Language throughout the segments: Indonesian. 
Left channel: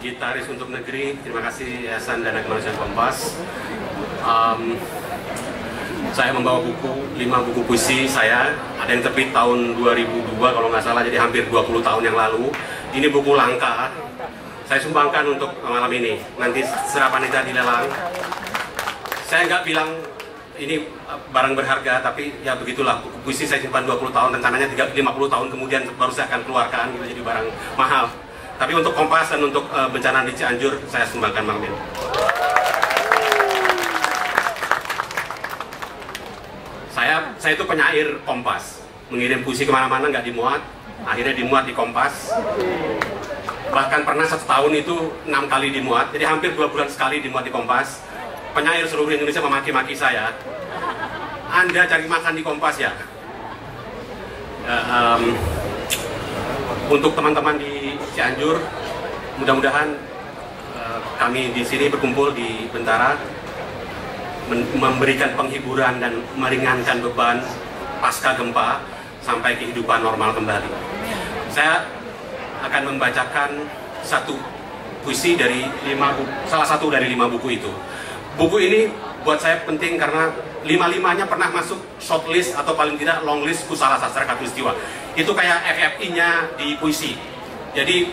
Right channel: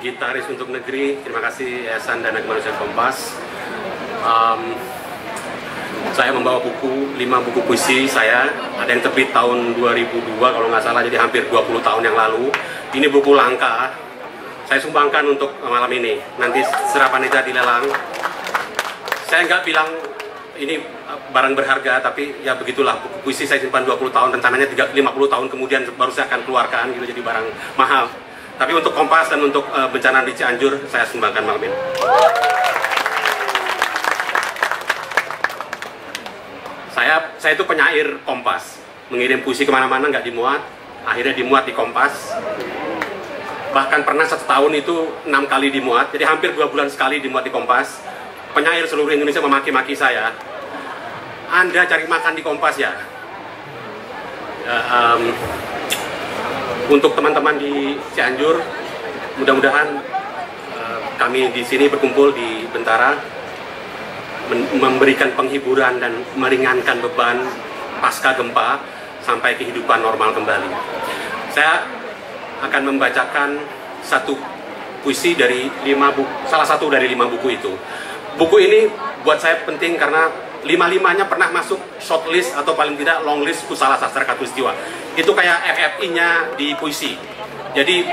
Gitaris untuk Negeri. Terima kasih Yayasan Dana Kemanusiaan Kompas. Saya membawa buku, 5 buku puisi saya. Ada yang terbit tahun 2002 kalau nggak salah, jadi hampir 20 tahun yang lalu. Ini buku langka. Saya sumbangkan untuk malam ini. Nanti setelah panitia dilelang. Saya nggak bilang ini barang berharga, tapi ya begitulah. Buku puisi saya simpan 20 tahun, rencananya 50 tahun kemudian baru saya akan keluarkan, gitu, jadi barang mahal. Tapi untuk Kompas dan untuk bencana di Cianjur, saya sumbangkan malam ini. Saya itu penyair Kompas. Mengirim puisi kemana-mana nggak dimuat, akhirnya dimuat di Kompas. Bahkan pernah 1 tahun itu 6 kali dimuat, jadi hampir 2 bulan sekali dimuat di Kompas. Penyair seluruh Indonesia memaki-maki saya. Anda cari makan di Kompas ya? Untuk teman-teman di Cianjur, mudah-mudahan kami di sini berkumpul di Bentara memberikan penghiburan dan meringankan beban pasca gempa sampai kehidupan normal kembali. Saya akan membacakan satu puisi dari 5 buku, salah satu dari 5 buku itu. Buku ini buat saya penting karena 5-5-nya pernah masuk shortlist atau paling tidak long list Kusala Sastra Katulistiwa. Itu kayak FFI-nya di puisi. Jadi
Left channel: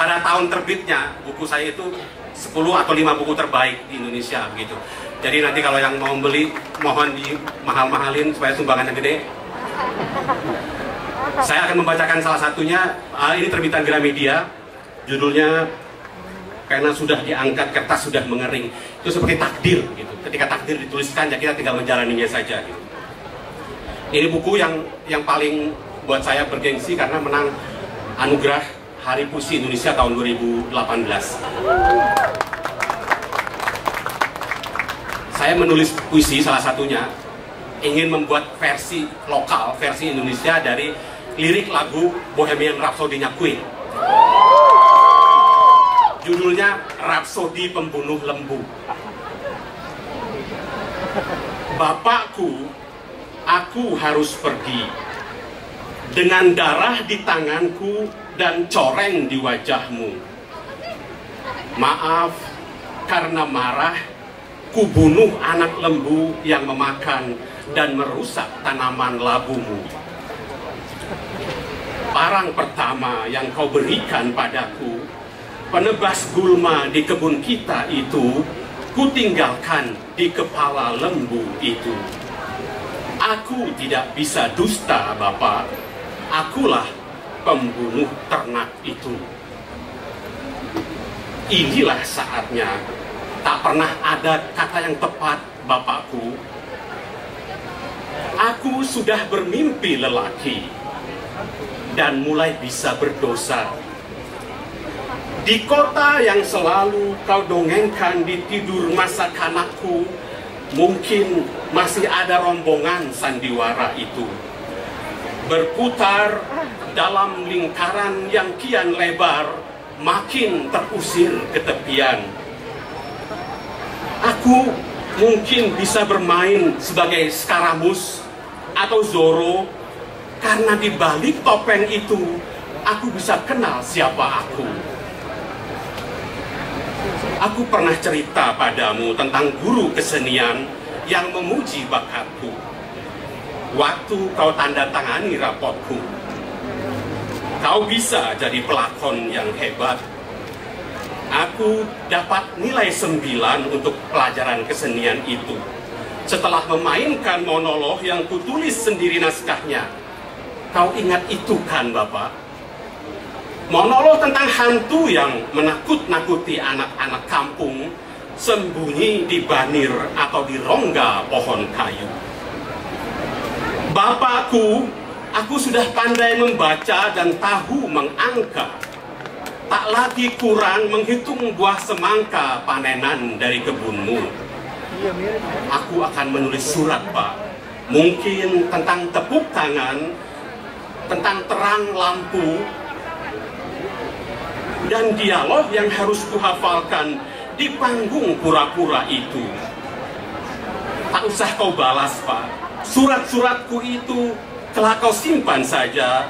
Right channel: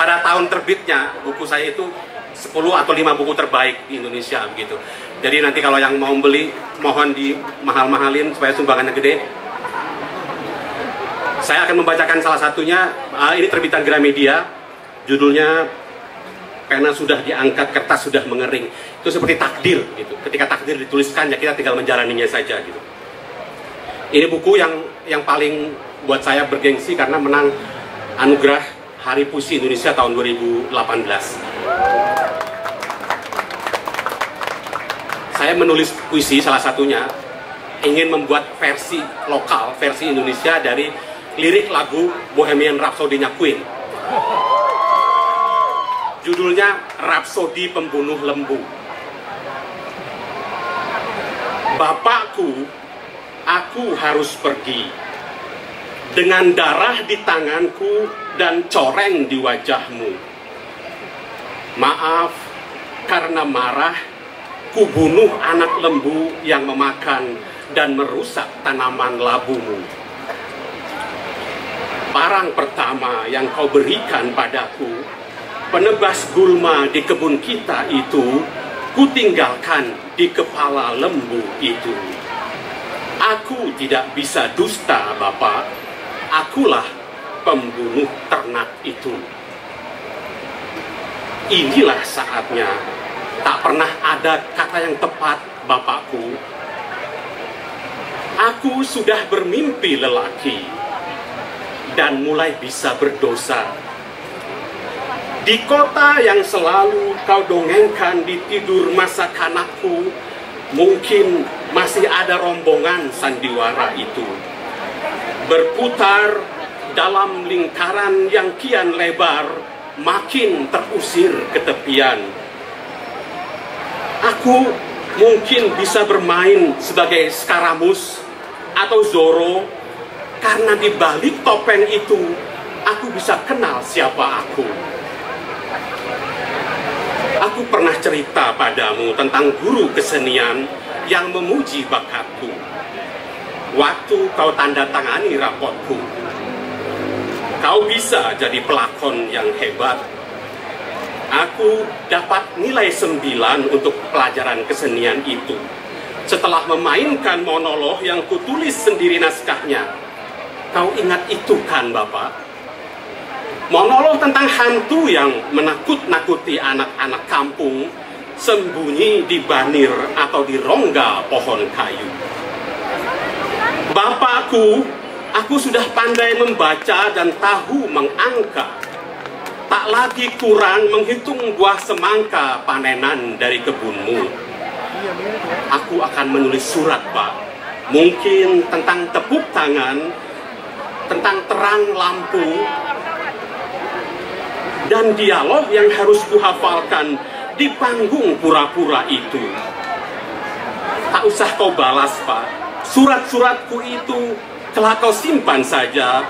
pada tahun terbitnya buku saya itu 10 atau 5 buku terbaik di Indonesia begitu. Jadi nanti kalau yang mau beli mohon di mahal-mahalin supaya sumbangannya gede. Saya akan membacakan salah satunya. Ini terbitan Gramedia. Judulnya karena sudah diangkat kertas sudah mengering. Itu seperti takdir gitu. Ketika takdir dituliskan ya kita tinggal menjalaninya saja gitu. Ini buku yang paling buat saya bergengsi karena menang anugerah Hari Puisi Indonesia tahun 2018. Saya menulis puisi salah satunya ingin membuat versi lokal, versi Indonesia dari lirik lagu Bohemian Rhapsody-nya Queen. Judulnya Rhapsody Pembunuh Lembu. Bapakku, aku harus pergi dengan darah di tanganku dan coreng di wajahmu. Maaf karena marah, ku bunuh anak lembu yang memakan dan merusak tanaman labumu. Parang pertama yang kau berikan padaku, penebas gulma di kebun kita itu, ku tinggalkan di kepala lembu itu. Aku tidak bisa dusta, Bapak. Akulah pembunuh ternak itu. Inilah saatnya. Tak pernah ada kata yang tepat, Bapakku. Aku sudah bermimpi lelaki dan mulai bisa berdosa. Di kota yang selalu kau dongengkan di tidur masa kanakku, mungkin masih ada rombongan sandiwara itu. Berputar dalam lingkaran yang kian lebar, makin terusir ke tepian. Aku mungkin bisa bermain sebagai Skaramus atau Zorro, karena di balik topeng itu, aku bisa kenal siapa aku. Aku pernah cerita padamu tentang guru kesenian yang memuji bakatku. Waktu kau tanda tangani rapotku, kau bisa jadi pelakon yang hebat. Aku dapat nilai 9 untuk pelajaran kesenian itu. Setelah memainkan monolog yang kutulis sendiri naskahnya. Kau ingat itu kan, Bapak? Monolog tentang hantu yang menakut-nakuti anak-anak kampung sembunyi di banir atau di rongga pohon kayu. Bapakku, aku sudah pandai membaca dan tahu mengangka. Tak lagi kurang menghitung buah semangka panenan dari kebunmu. Aku akan menulis surat, Pak. Mungkin tentang tepuk tangan, tentang terang lampu, dan dialog yang harus kuhafalkan di panggung pura-pura itu. Tak usah kau balas, Pak. Surat-suratku itu telah kau simpan saja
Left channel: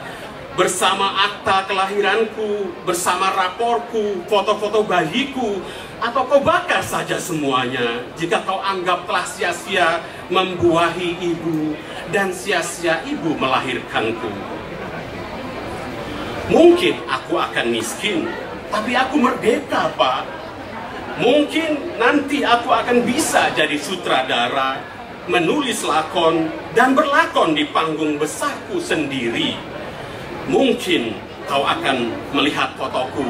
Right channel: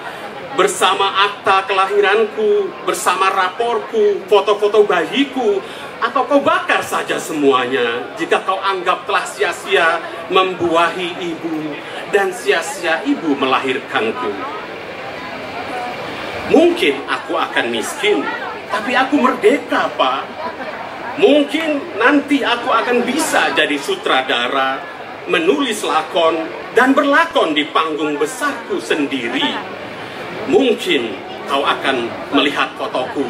bersama akta kelahiranku, bersama raporku, foto-foto bayiku, atau kau bakar saja semuanya jika kau anggap telah sia-sia membuahi ibu dan sia-sia ibu melahirkanku. Mungkin aku akan miskin, tapi aku merdeka, Pak. Mungkin nanti aku akan bisa jadi sutradara, menulis lakon, dan berlakon di panggung besarku sendiri. Mungkin kau akan melihat fotoku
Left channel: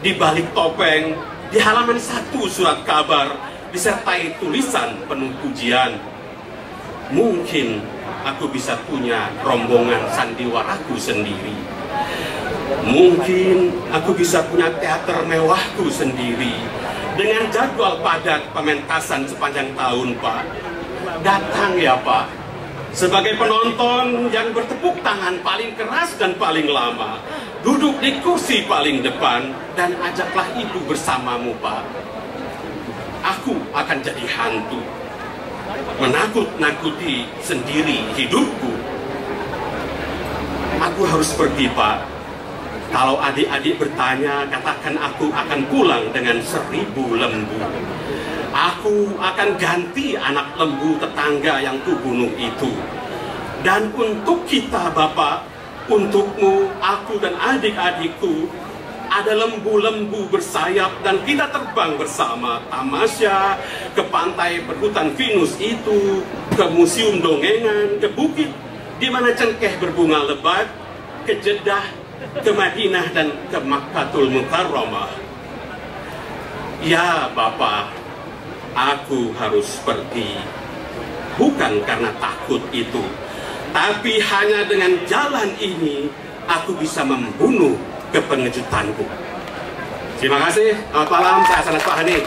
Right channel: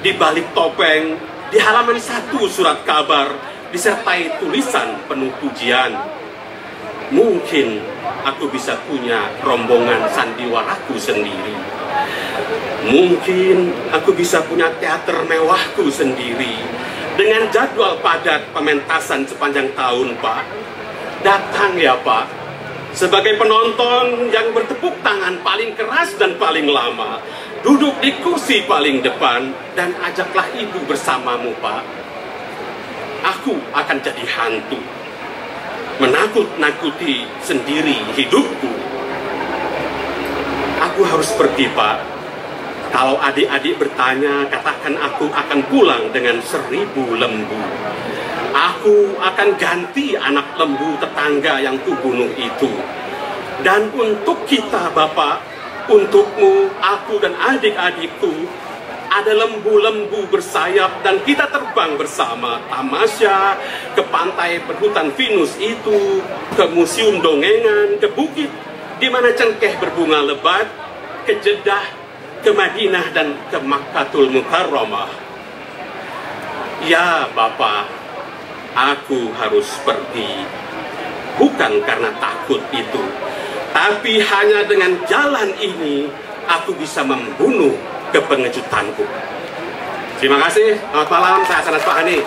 di balik topeng, di halaman 1 surat kabar, disertai tulisan penuh pujian. Mungkin aku bisa punya rombongan sandiwaraku sendiri. Mungkin aku bisa punya teater mewahku sendiri, dengan jadwal padat pementasan sepanjang tahun, Pak. Datang ya, Pak, sebagai penonton yang bertepuk tangan paling keras dan paling lama, duduk di kursi paling depan, dan ajaklah ibu bersamamu, Pak. Aku akan jadi hantu, menakut-nakuti sendiri hidupku. Aku harus pergi, Pak. Kalau adik-adik bertanya, katakan aku akan pulang dengan 1000 lembu. Aku akan ganti anak lembu tetangga yang kubunuh itu. Dan untuk kita, Bapak, untukmu, aku dan adik-adikku, ada lembu-lembu bersayap dan kita terbang bersama tamasya ke pantai berhutan Venus itu, ke museum dongengan, ke bukit di mana cengkeh berbunga lebat, ke Jeddah, ke Madinah, dan ke Makkatul Mukarramah. Ya, Bapak, aku harus pergi, bukan karena takut itu, tapi hanya dengan jalan ini aku bisa membunuh kepengejutanku. Terima kasih, selamat malam, saya Sanas Pak Hani.